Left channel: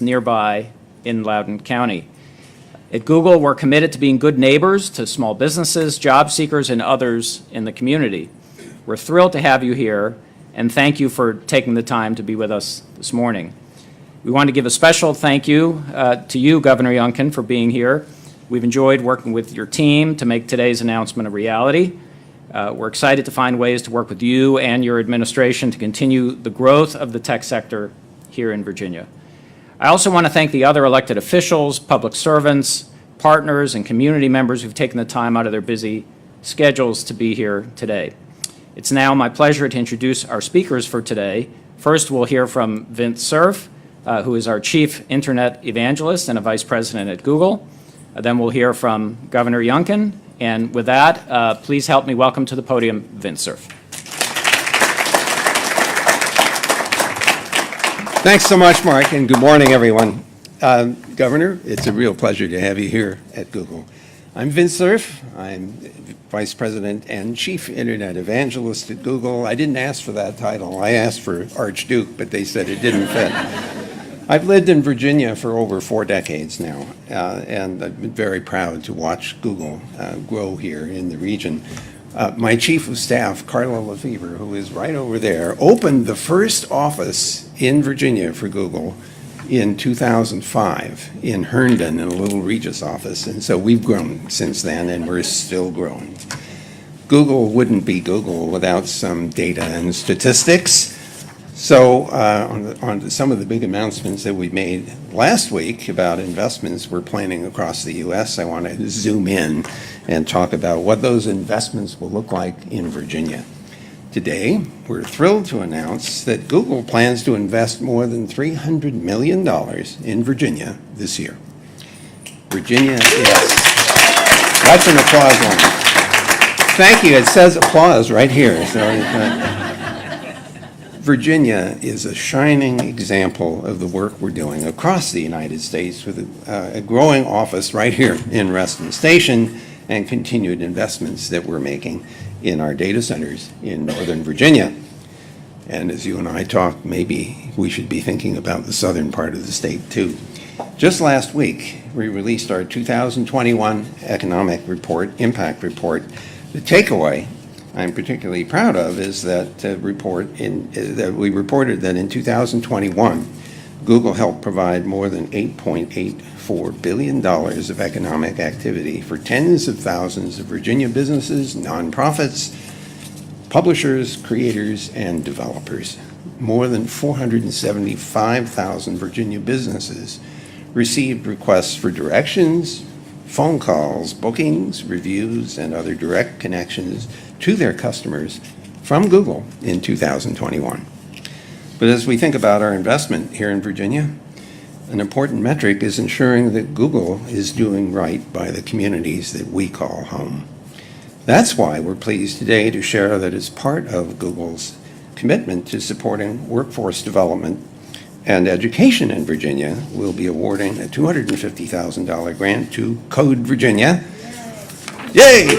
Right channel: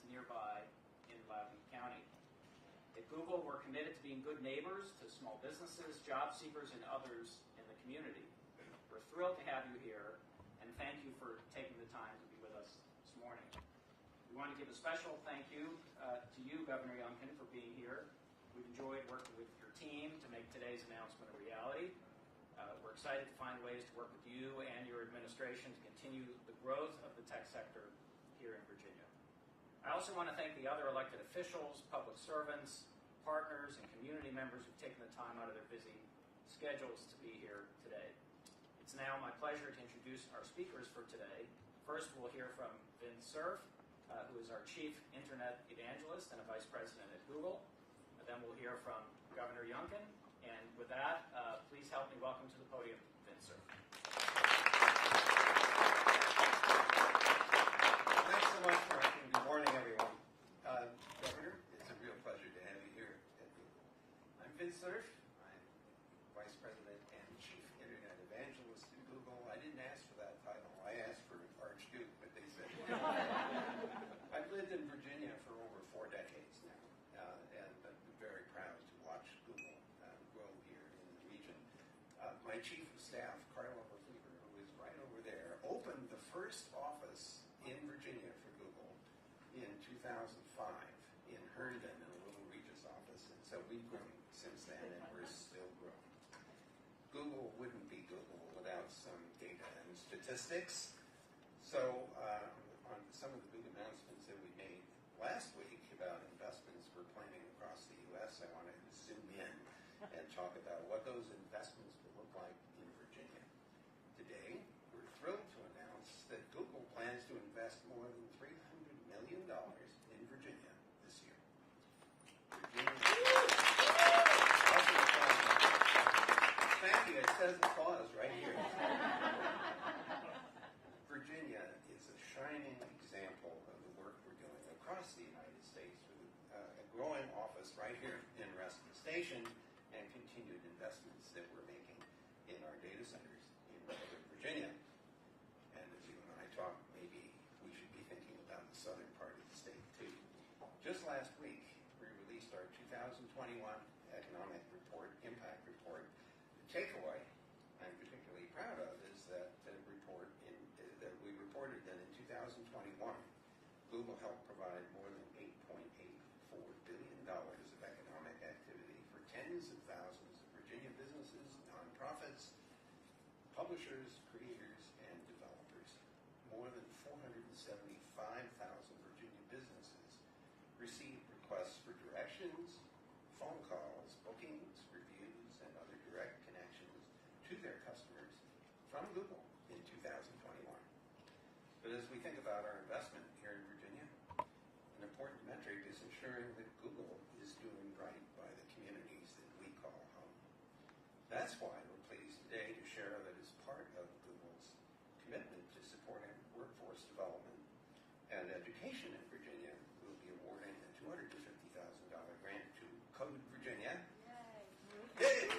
nearby in Loudoun County. At Google, we're committed to being good neighbors to small businesses, job seekers, and others in the community. We're thrilled to have you here, and thank you for taking the time to be with us this morning. We want to give a special thank you to you, Governor Youngkin, for being here. We've enjoyed working with your team to make today's announcement a reality. We're excited to find ways to work with you and your administration to continue the growth of the tech sector here in Virginia. I also want to thank the other elected officials, public servants, partners, and community members who've taken the time out of their busy schedules to be here today. It's now my pleasure to introduce our speakers for today. First, we'll hear from Vint Cerf, who is our Chief Internet Evangelist and a Vice President at Google. Then we'll hear from Governor Youngkin. And with that, please help me welcome to the podium Vint Cerf. Thanks so much, Mark, and good morning, everyone. Governor, it's a real pleasure to have you here at Google. I'm Vint Cerf. I'm Vice President and Chief Internet Evangelist at Google. I didn't ask for that title. I asked for Archduke, but they said it didn't fit. I've lived in Virginia for over 4 decades now, and I've been very proud to watch Google grow here in the region. My Chief of Staff, Carla Lefevre, who is right over there, opened the first office in Virginia for Google in 2005 in Herndon, in a little Regis office. And so we've grown since then, and we're still growing. Google wouldn't be Google without some data and statistics. So on to some of the big announcements that we made last week about investments we're planning across the U.S., I want to zoom in and talk about what those investments will look like in Virginia. Today, we're thrilled to announce that Google plans to invest more than $300 million in Virginia this year. Virginia, yes. That's an applause line. Thank you. It says applause right here. So, Virginia is a shining example of the work we're doing across the United States with a growing office right here in Reston Station and continued investments that we're making in our data centers in Northern Virginia. And as you and I talked, maybe we should be thinking about the southern part of the state too. Just last week, we released our 2021 economic report, impact report. The takeaway I'm particularly proud of is that that we reported that in 2021, Google helped provide more than $8.84 billion of economic activity for tens of thousands of Virginia businesses, nonprofits, publishers, creators, and developers. More than 475,000 Virginia businesses received requests for directions, phone calls, bookings, reviews, and other direct connections to their customers from Google in 2021. But as we think about our investment here in Virginia, an important metric is ensuring that Google is doing right by the communities that we call home. That's why we're pleased today to share that as part of Google's commitment to supporting workforce development and education in Virginia, we'll be awarding a $250,000 grant to Code Virginia. Yay!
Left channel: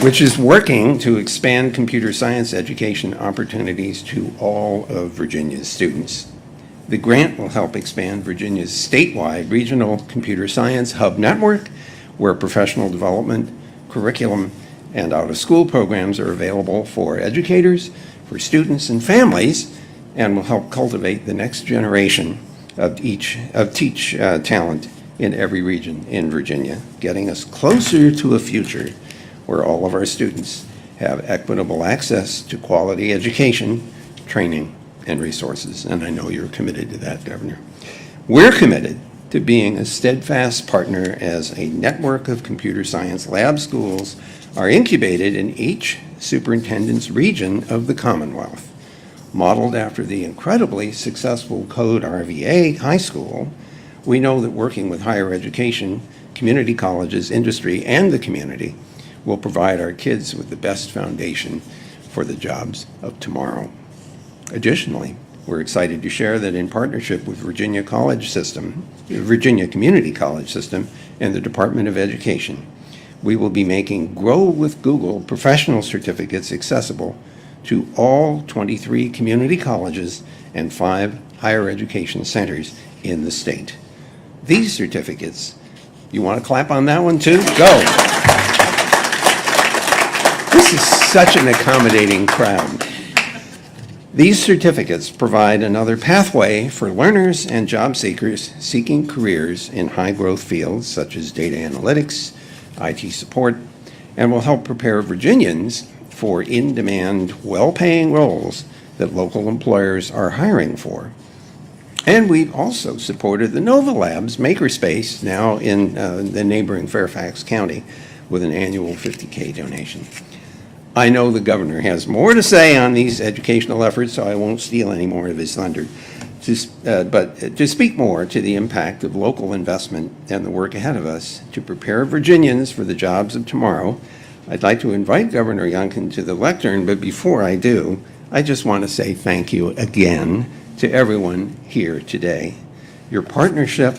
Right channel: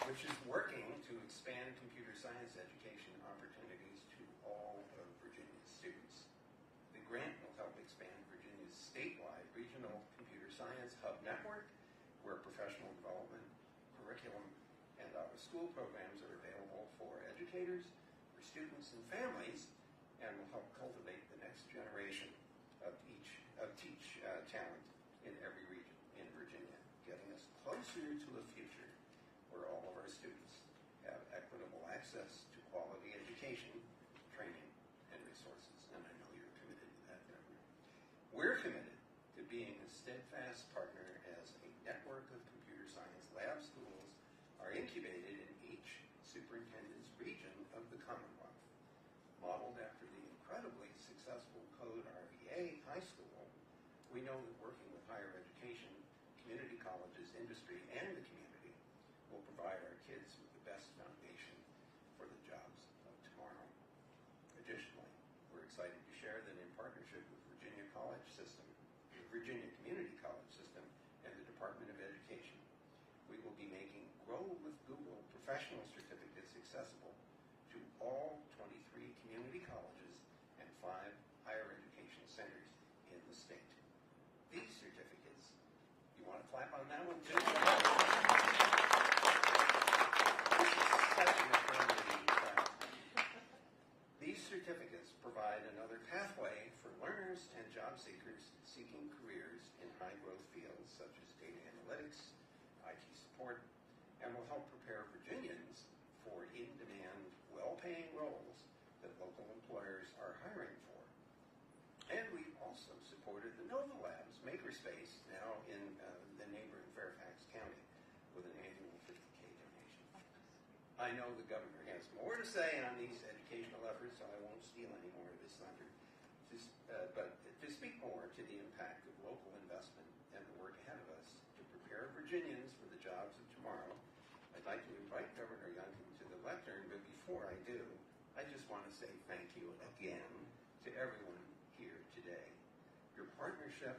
Which is working to expand computer science education opportunities to all of Virginia's students. The grant will help expand Virginia's statewide regional computer science hub network, where professional development, curriculum, and out-of-school programs are available for educators, for students and families, and will help cultivate the next generation of teach talent in every region in Virginia, getting us closer to a future where all of our students have equitable access to quality education, training, and resources. And I know you're committed to that, Governor. We're committed to being a steadfast partner as a network of computer science lab schools are incubated in each superintendent's region of the Commonwealth. Modeled after the incredibly successful Code RVA High School, we know that working with higher education, community colleges, industry, and the community will provide our kids with the best foundation for the jobs of tomorrow. Additionally, we're excited to share that in partnership with Virginia Community College System, and the Department of Education, we will be making Grow with Google professional certificates accessible to all 23 community colleges and 5 higher education centers in the state. These certificates, you want to clap on that one too? Go. This is such an accommodating crowd. These certificates provide another pathway for learners and job seekers seeking careers in high-growth fields such as data analytics, IT support, and will help prepare Virginians for in-demand, well-paying roles that local employers are hiring for. And we've also supported the Nova Labs Makerspace, now in the neighboring Fairfax County, with an annual $50K donation. I know the governor has more to say on these educational efforts, so I won't steal any more of his thunder. But to speak more to the impact of local investment and the work ahead of us to prepare Virginians for the jobs of tomorrow, I'd like to invite Governor Youngkin to the lectern, but before I do, I just want to say thank you again to everyone here today. Your partnership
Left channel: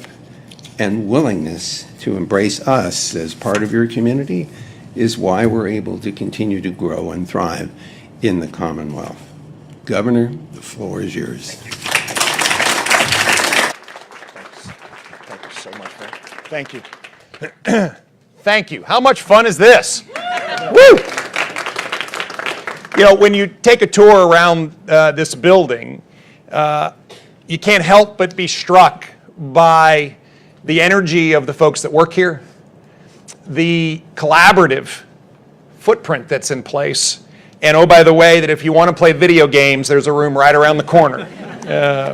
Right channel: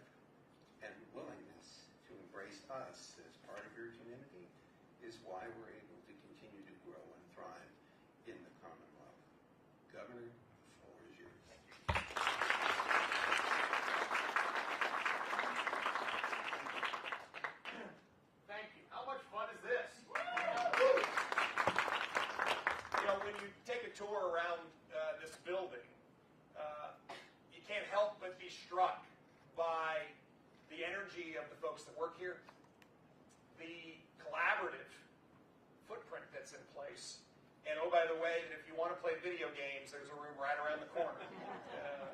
and willingness to embrace us as part of your community is why we're able to continue to grow and thrive in the Commonwealth. Governor, the floor is yours. Thank you so much, man. Thank you. Thank you. How much fun is this? Woo! You know, when you take a tour around this building, you can't help but be struck by the energy of the folks that work here, the collaborative footprint that's in place, and oh, by the way, that if you want to play video games, there's a room right around the corner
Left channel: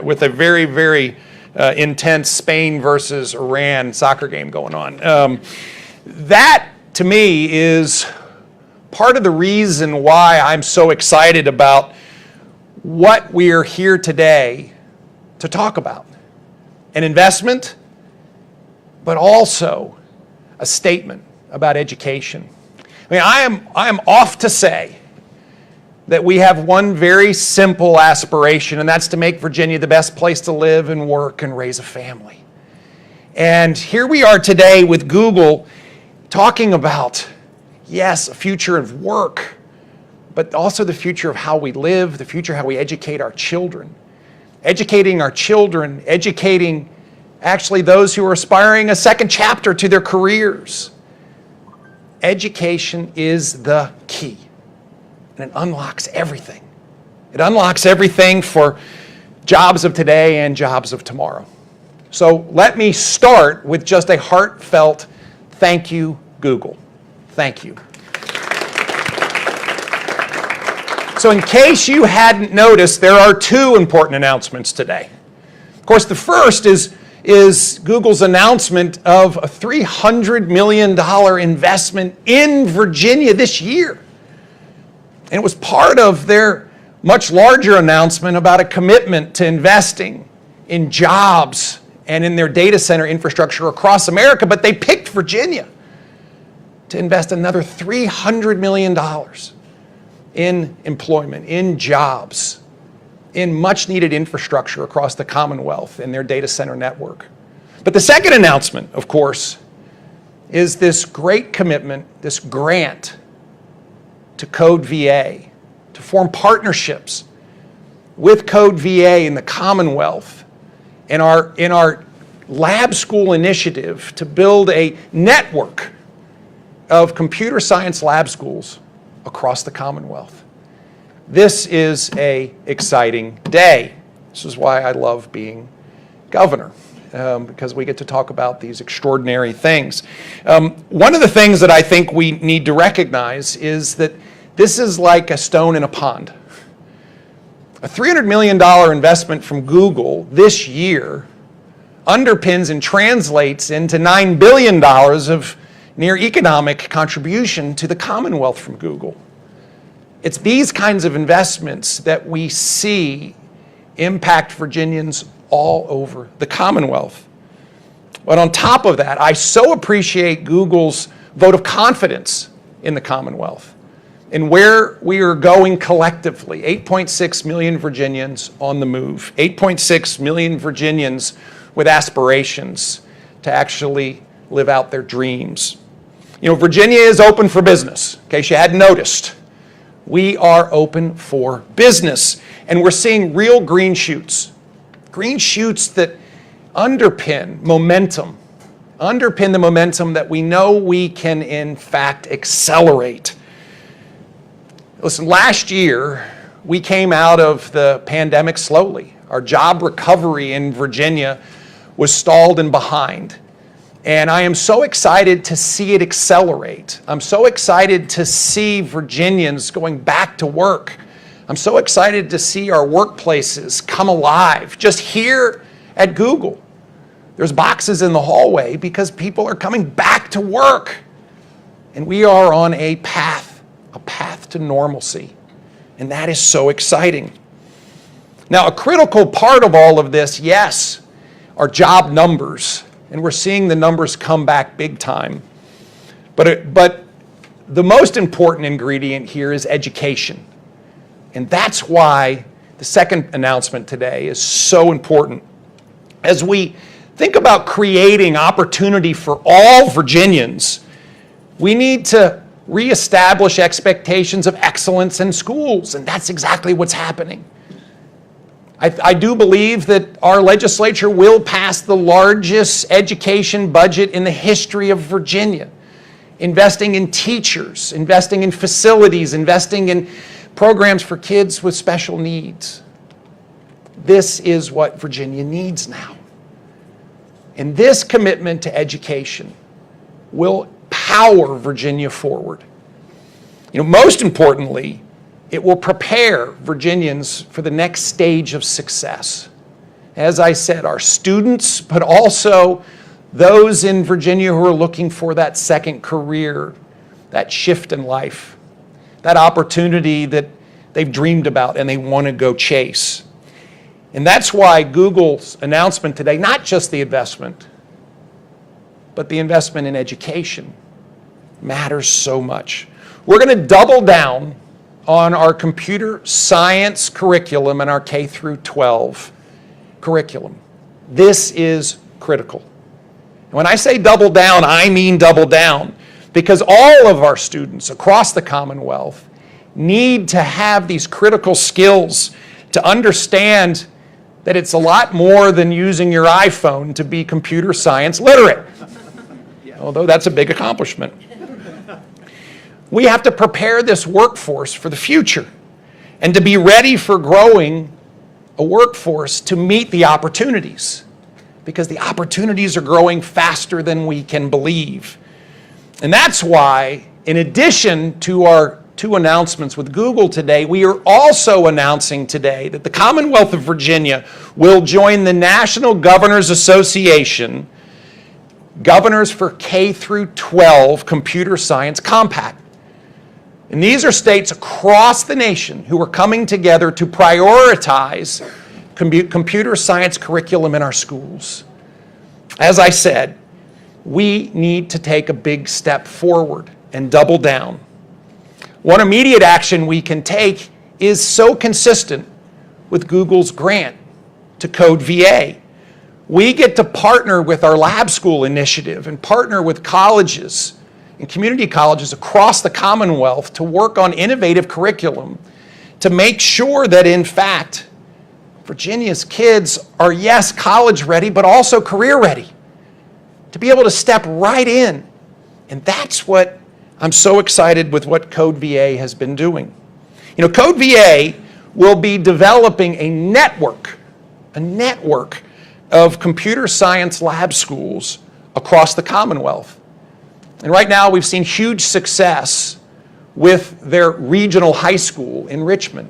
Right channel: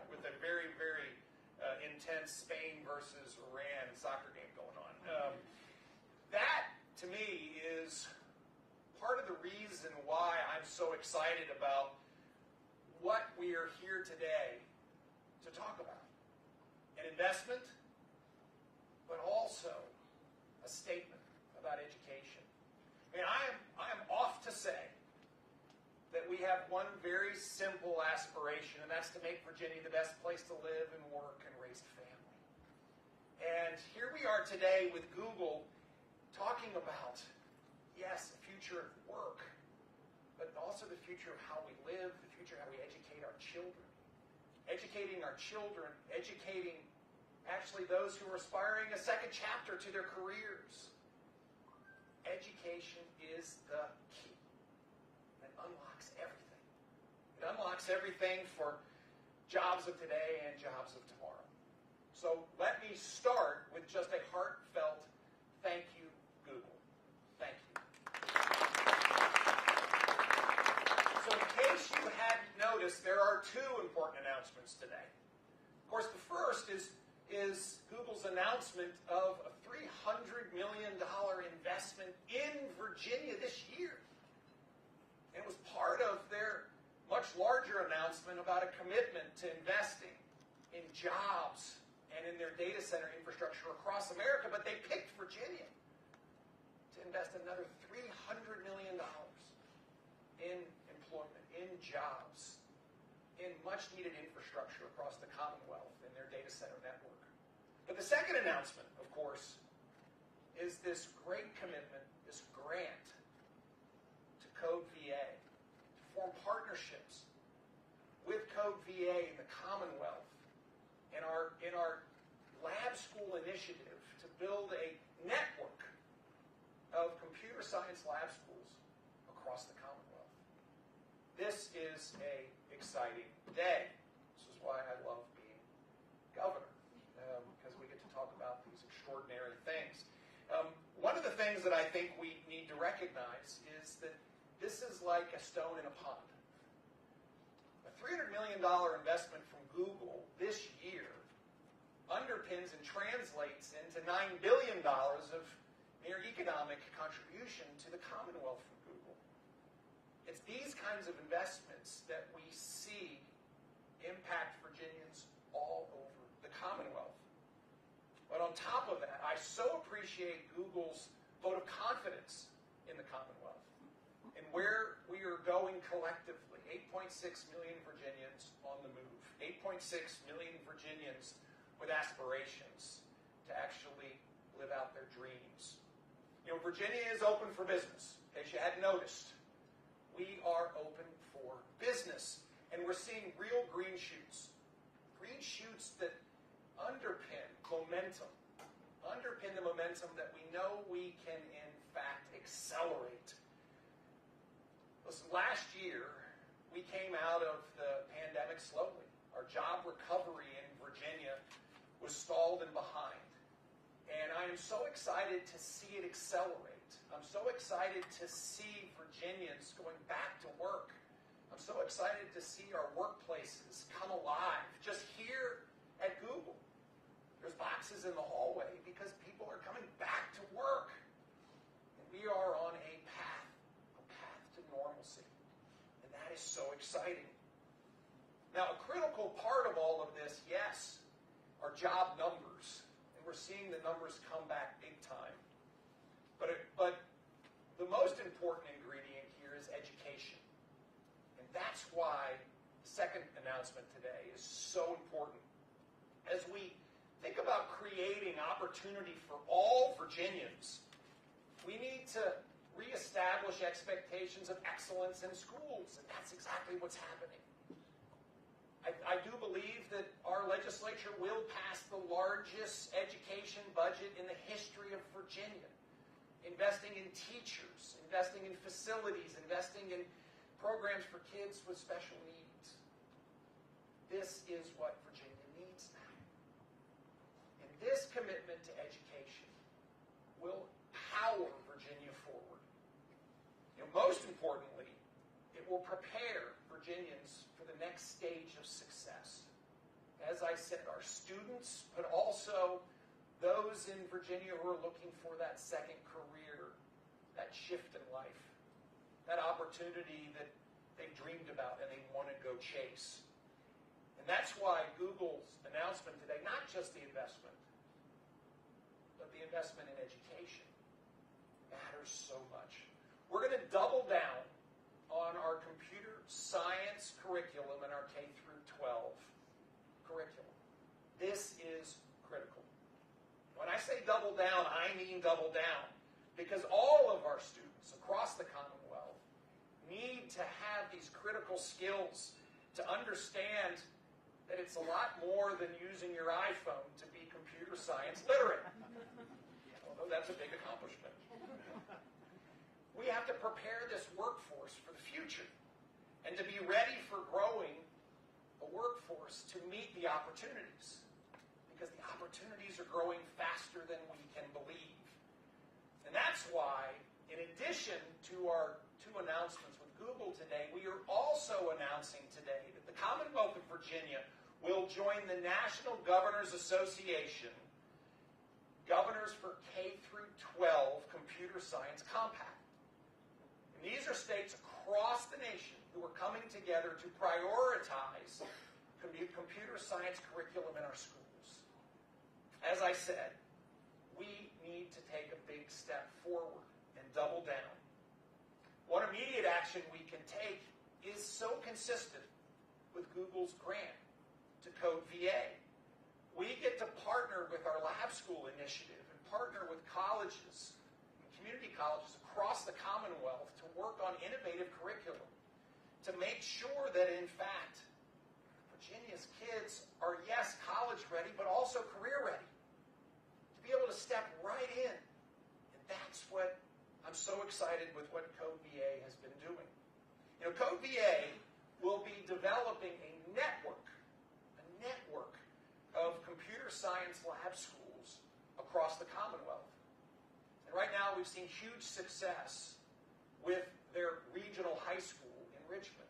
with a very, very intense Spain versus Iran soccer game going on. That, to me, is part of the reason why I'm so excited about what we are here today to talk about. An investment, but also a statement about education. I mean, I am off to say that we have one very simple aspiration, and that's to make Virginia the best place to live and work and raise a family. And here we are today with Google talking about, yes, a future of work, but also the future of how we live, the future of how we educate our children. Educating our children, educating actually those who are aspiring a second chapter to their careers. Education is the key, and it unlocks everything. It unlocks everything for jobs of today and jobs of tomorrow. So let me start with just a heartfelt thank you, Google. Thank you. So in case you hadn't noticed, there are 2 important announcements today. Of course, the first is Google's announcement of a $300 million investment in Virginia this year. And it was part of their much larger announcement about a commitment to investing in jobs and in their data center infrastructure across America, but they picked Virginia to invest another $300 million in employment, in jobs, in much needed infrastructure across the Commonwealth and their data center network. But the second announcement, of course, is this great commitment, this grant to Code VA, to form partnerships with Code VA in the Commonwealth in our lab school initiative to build a network of computer science lab schools across the Commonwealth. This is an exciting day. This is why I love being governor, because we get to talk about these extraordinary things. One of the things that I think we need to recognize is that this is like a stone in a pond. A $300 million investment from Google this year underpins and translates into $9 billion of near economic contribution to the Commonwealth from Google. It's these kinds of investments that we see impact Virginians all over the Commonwealth. But on top of that, I so appreciate Google's vote of confidence in the Commonwealth and where we are going collectively. 8.6 million Virginians on the move, 8.6 million Virginians with aspirations to actually live out their dreams. You know, Virginia is open for business, in case you hadn't noticed. We are open for business. And we're seeing real green shoots that underpin the momentum that we know we can, in fact, accelerate. Listen, last year, we came out of the pandemic slowly. Our job recovery in Virginia was stalled and behind. And I am so excited to see it accelerate. I'm so excited to see Virginians going back to work. I'm so excited to see our workplaces come alive. Just here at Google, there's boxes in the hallway because people are coming back to work. And we are on a path to normalcy. And that is so exciting. Now, a critical part of all of this, yes, are job numbers. And we're seeing the numbers come back big time. But the most important ingredient here is education. And that's why the second announcement today is so important. As we think about creating opportunity for all Virginians, we need to reestablish expectations of excellence in schools, and that's exactly what's happening. I do believe that our legislature will pass the largest education budget in the history of Virginia, investing in teachers, investing in facilities, investing in programs for kids with special needs. This is what Virginia needs now. And this commitment to education will power Virginia forward. Most importantly, it will prepare Virginians for the next stage of success. As I said, our students, but also those in Virginia who are looking for that second career, that shift in life, that opportunity that they've dreamed about and they want to go chase. And that's why Google's announcement today, not just the investment, but the investment in education, matters so much. We're going to double down on our computer science curriculum and our K through 12 curriculum. This is critical. And when I say double down, I mean double down, because all of our students across the Commonwealth need to have these critical skills to understand that it's a lot more than using your iPhone to be computer science literate, although that's a big accomplishment. We have to prepare this workforce for the future and to be ready for growing a workforce to meet the opportunities, because the opportunities are growing faster than we can believe. And that's why, in addition to our two announcements with Google today, we are also announcing today that the Commonwealth of Virginia will join the National Governors Association Governors for K through 12 Computer Science Compact. And these are states across the nation who are coming together to prioritize computer science curriculum in our schools. As I said, we need to take a big step forward and double down. One immediate action we can take is so consistent with Google's grant to Code VA. We get to partner with our lab school initiative and partner with colleges and community colleges across the Commonwealth to work on innovative curriculum to make sure that, in fact, Virginia's kids are, yes, college ready, but also career ready, to be able to step right in. And that's what I'm so excited with what Code VA has been doing. Code VA will be developing a network of computer science lab schools across the Commonwealth. And right now we've seen huge success with their regional high school in Richmond.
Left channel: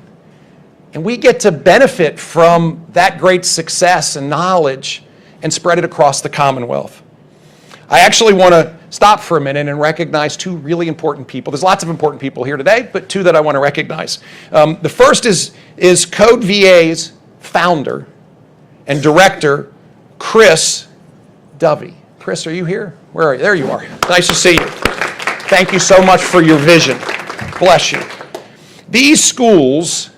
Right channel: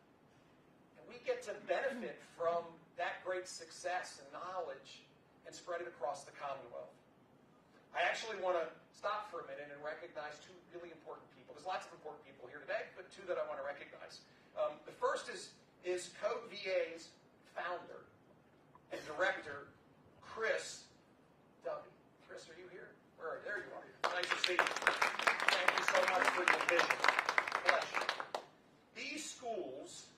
And we get to benefit from that great success and knowledge and spread it across the Commonwealth. I actually want to stop for a minute and recognize two really important people. There's lots of important people here today, but two that I want to recognize. The first is Code VA's founder and director, Chris Dovey. Chris, are you here? Where are you? There you are. Nice to see you. Thank you so much for your vision. Bless you. These schools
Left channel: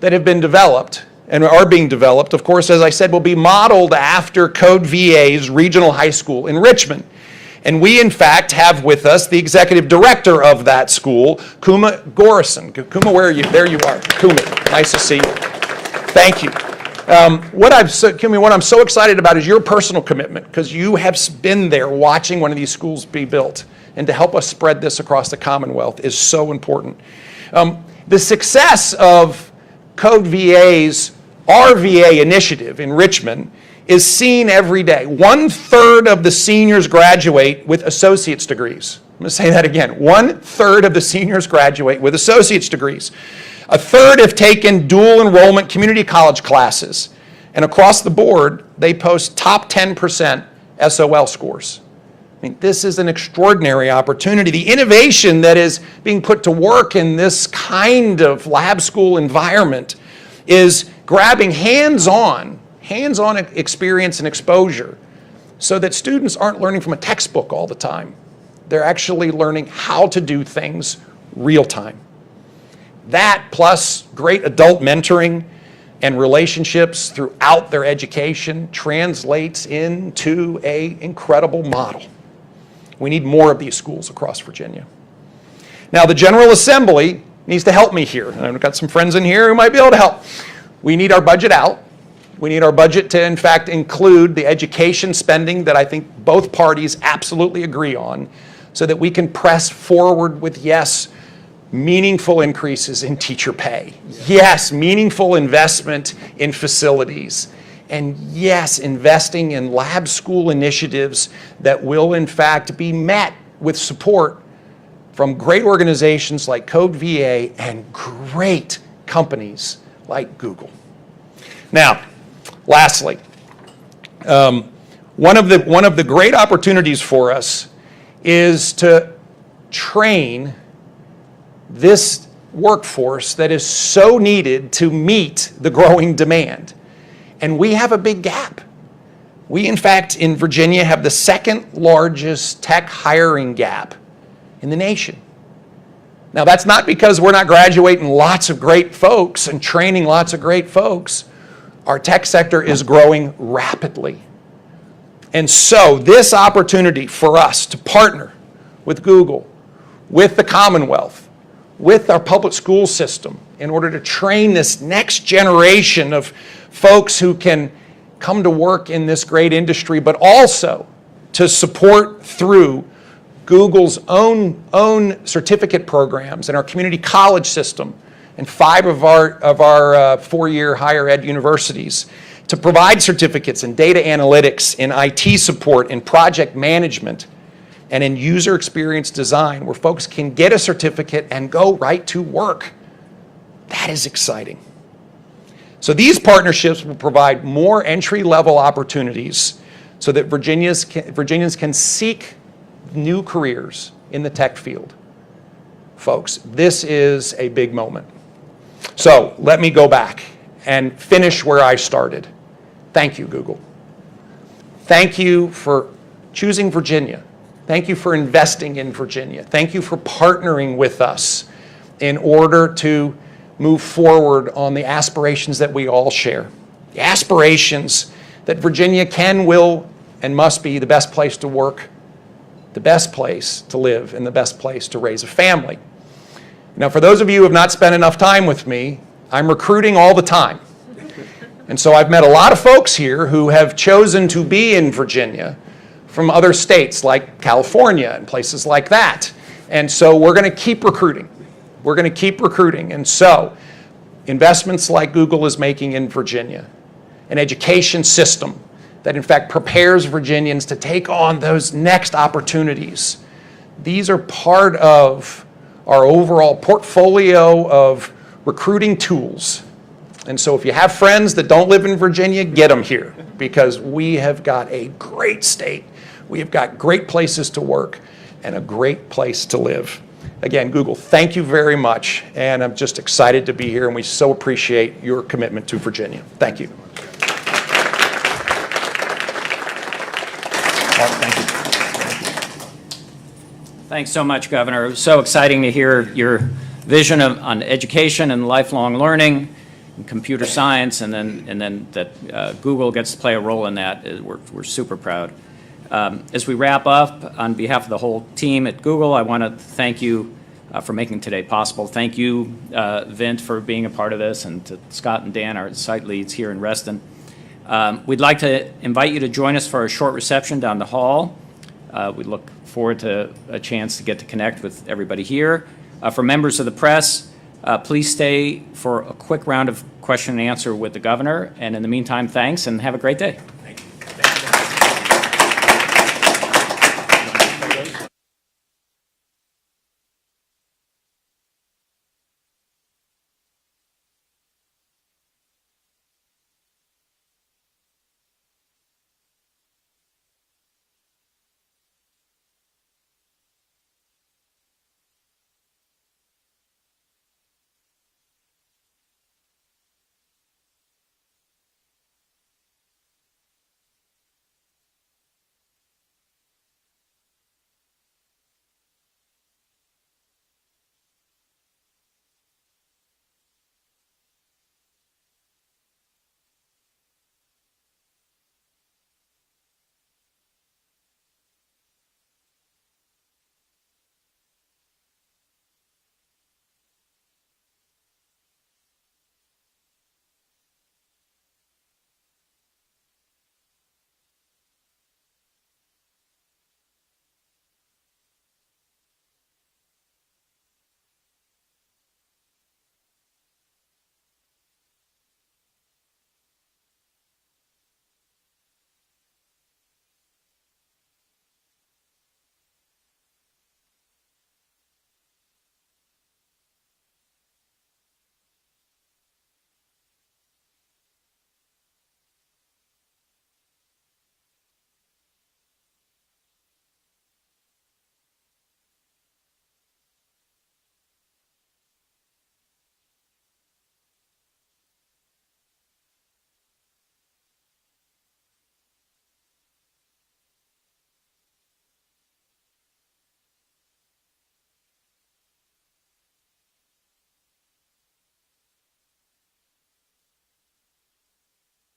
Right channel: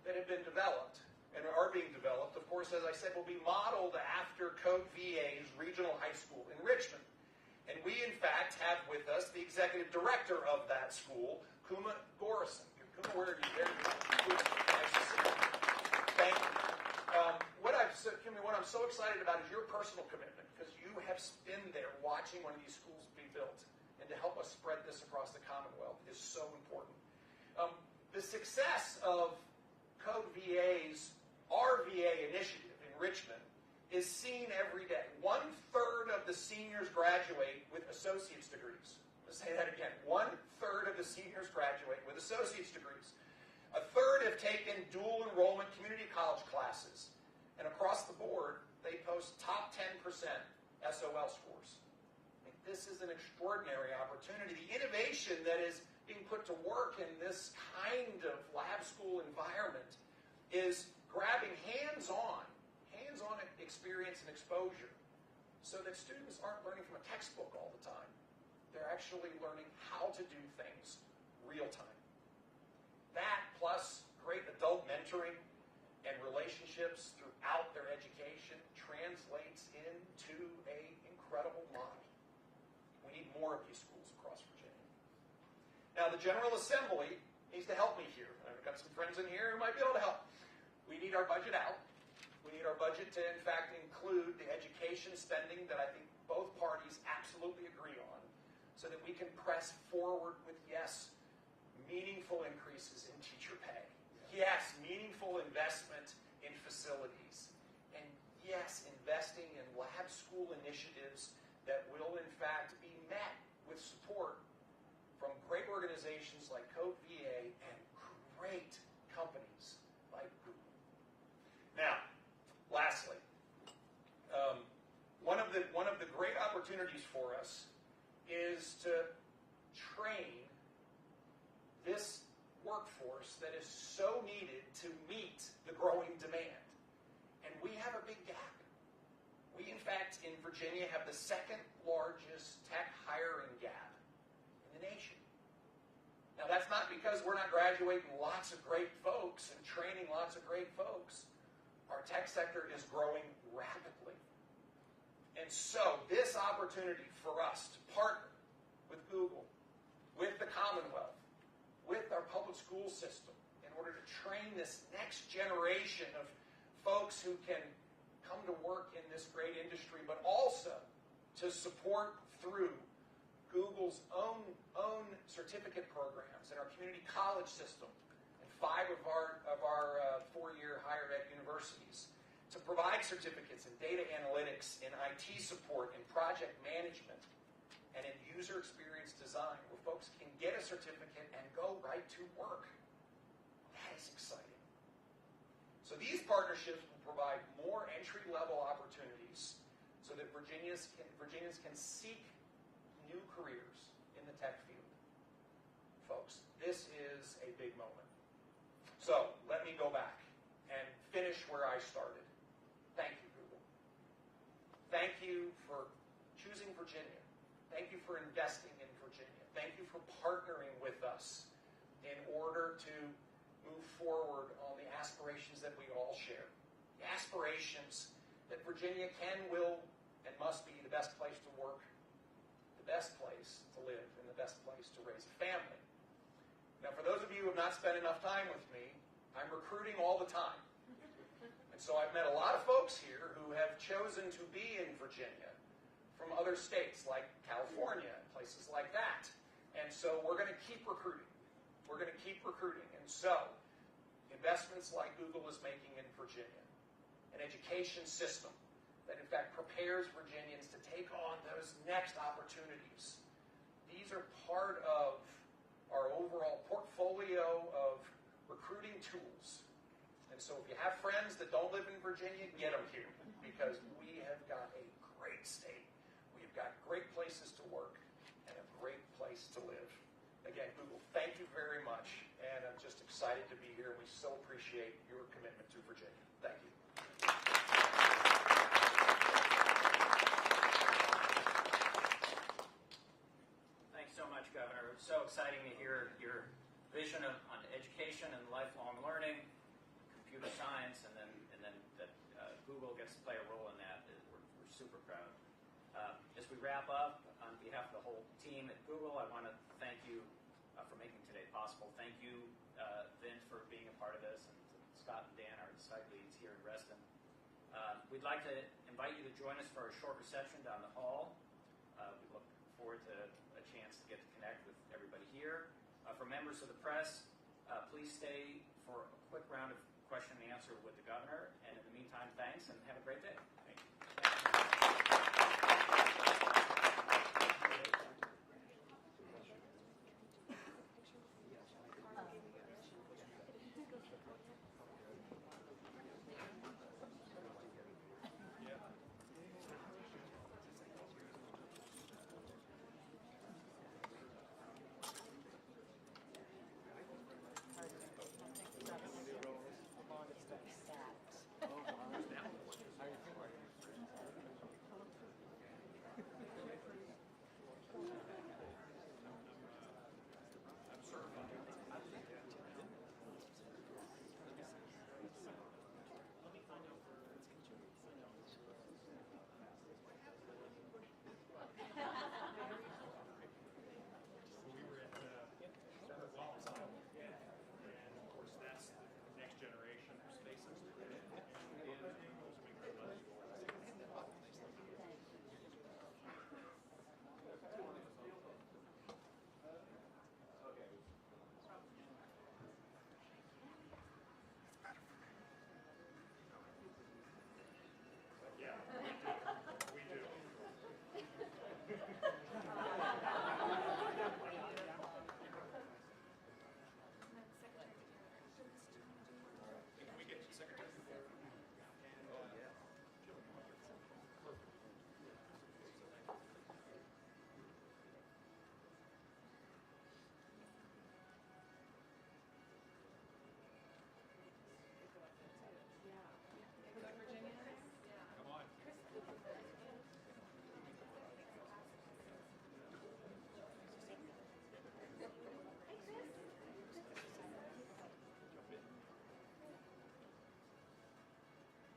that have been developed and are being developed, of course, as I said, will be modeled after Code VA's regional high school in Richmond. And we, in fact, have with us the executive director of that school, Kuma Gorison. Kuma, where are you? There you are. Kuma, nice to see you. Thank you. What I'm so excited about is your personal commitment, because you have been there watching one of these schools be built. And to help us spread this across the Commonwealth is so important. The success of Code VA's RVA initiative in Richmond is seen every day. 1/3 of the seniors graduate with associate's degrees. I'm going to say that again. 1/3 of the seniors graduate with associate's degrees. 1/3 have taken dual enrollment community college classes. And across the board, they post top 10% SOL scores. I mean, this is an extraordinary opportunity. The innovation that is being put to work in this kind of lab school environment is grabbing hands-on experience and exposure so that students aren't learning from a textbook all the time. They're actually learning how to do things real time. That plus great adult mentoring and relationships throughout their education translates into an incredible model. We need more of these schools across Virginia. Now, the General Assembly needs to help me here. And I've got some friends in here who might be able to help. We need our budget out. We need our budget to, in fact, include the education spending that I think both parties absolutely agree on, so that we can press forward with, yes, meaningful increases in teacher pay. Yes, meaningful investment in facilities. And yes, investing in lab school initiatives that will, in fact, be met with support from great organizations like Code VA and great companies like Google. Now, lastly, one of the great opportunities for us is to train this workforce that is so needed to meet the growing demand. And we have a big gap. We, in fact, in Virginia have the second largest tech hiring gap in the nation. Now, that's not because we're not graduating lots of great folks and training lots of great folks. Our tech sector is growing rapidly. And so this opportunity for us to partner with Google, with the Commonwealth, with our public school system in order to train this next generation of folks who can come to work in this great industry, but also to support through Google's own certificate programs and our community college system and 5 of our 4-year higher ed universities to provide certificates in data analytics, in IT support, in project management, and in user experience design, where folks can get a certificate and go right to work. That is exciting. So these partnerships will provide more entry-level opportunities so that Virginians can seek new careers in the tech field. Folks, this is a big moment. So let me go back and finish where I started. Thank you, Google. Thank you for choosing Virginia. Thank you for investing in Virginia. Thank you for partnering with us in order to move forward on the aspirations that we all share. The aspirations that Virginia can, will, and must be the best place to work, the best place to live, and the best place to raise a family. Now, for those of you who have not spent enough time with me, I'm recruiting all the time. And so I've met a lot of folks here who have chosen to be in Virginia from other states like California and places like that. And so we're going to keep recruiting. We're going to keep recruiting. And so investments like Google is making in Virginia, an education system that in fact prepares Virginians to take on those next opportunities. These are part of our overall portfolio of recruiting tools. And so if you have friends that don't live in Virginia, get them here, because we have got a great state. We have got great places to work and a great place to live. Again, Google, thank you very much, and I'm just excited to be here, and we so appreciate your commitment to Virginia. Thank you. Thank you. Thanks so much, Governor. It was so exciting to hear your vision on education and lifelong learning and computer science, and then that Google gets to play a role in that. We're super proud. As we wrap up, on behalf of the whole team at Google, I want to thank you for making today possible. Thank you, Vint, for being a part of this, and to Scott and Dan, our site leads here in Reston. We'd like to invite you to join us for a short reception down the hall. We look forward to a chance to get to connect with everybody here. For members of the press, please stay for a quick round of question and answer with the governor. And in the meantime, thanks and have a great day.